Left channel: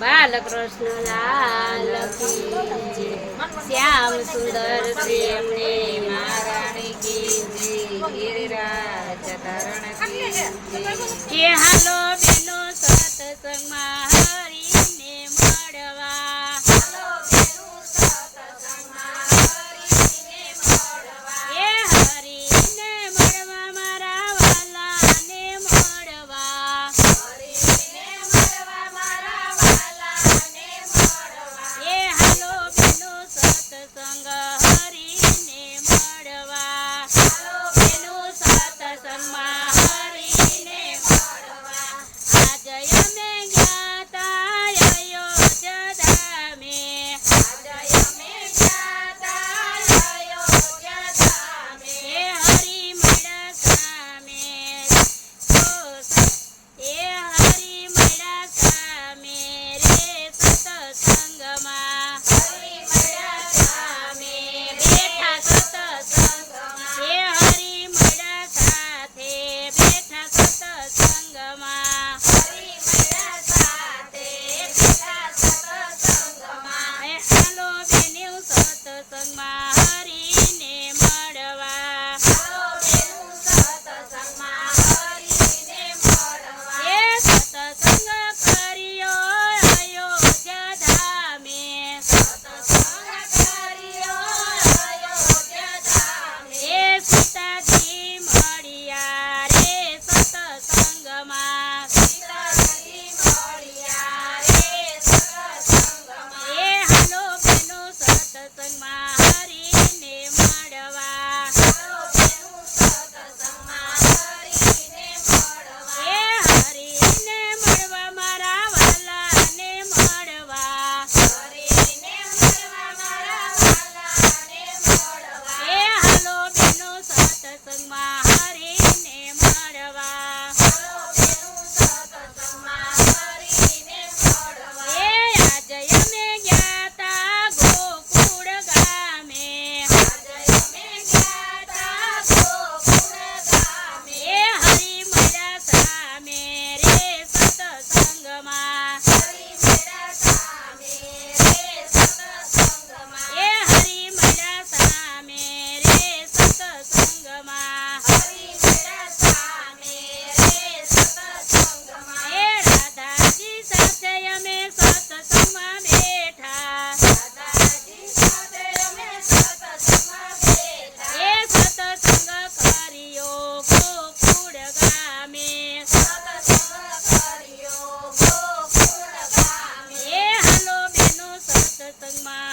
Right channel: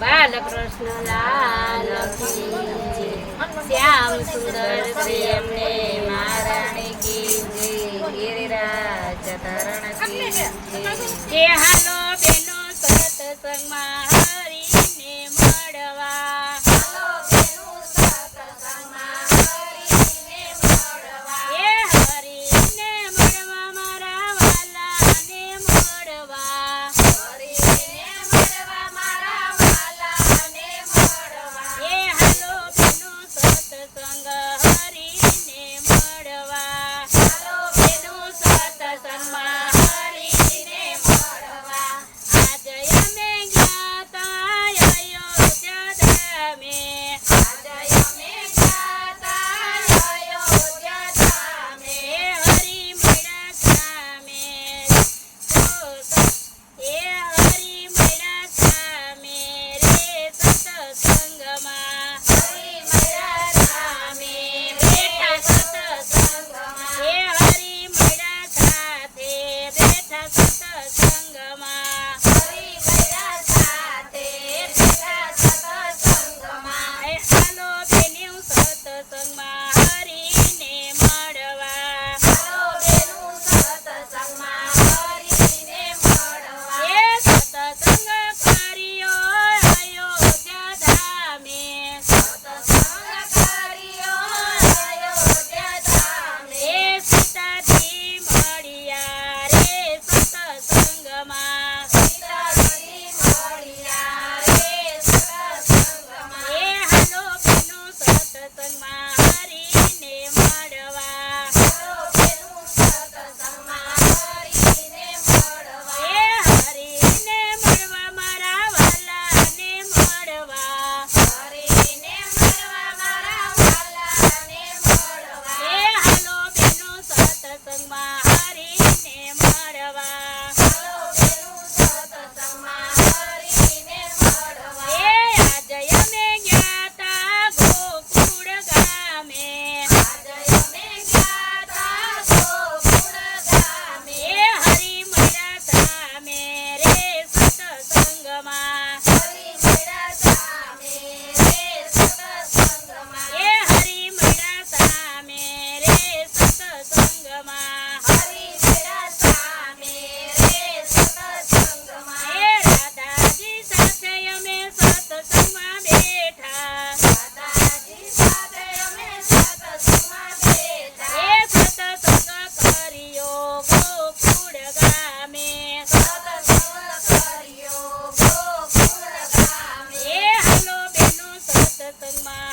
બાલકૃષ્ણ લાલ શ્યામ સુંદર પ્રેમને મારાણી કી. જય ગિરિરાજ ધરણ કે. હાલો બેનો સતસંગમાં Bye-bye. terima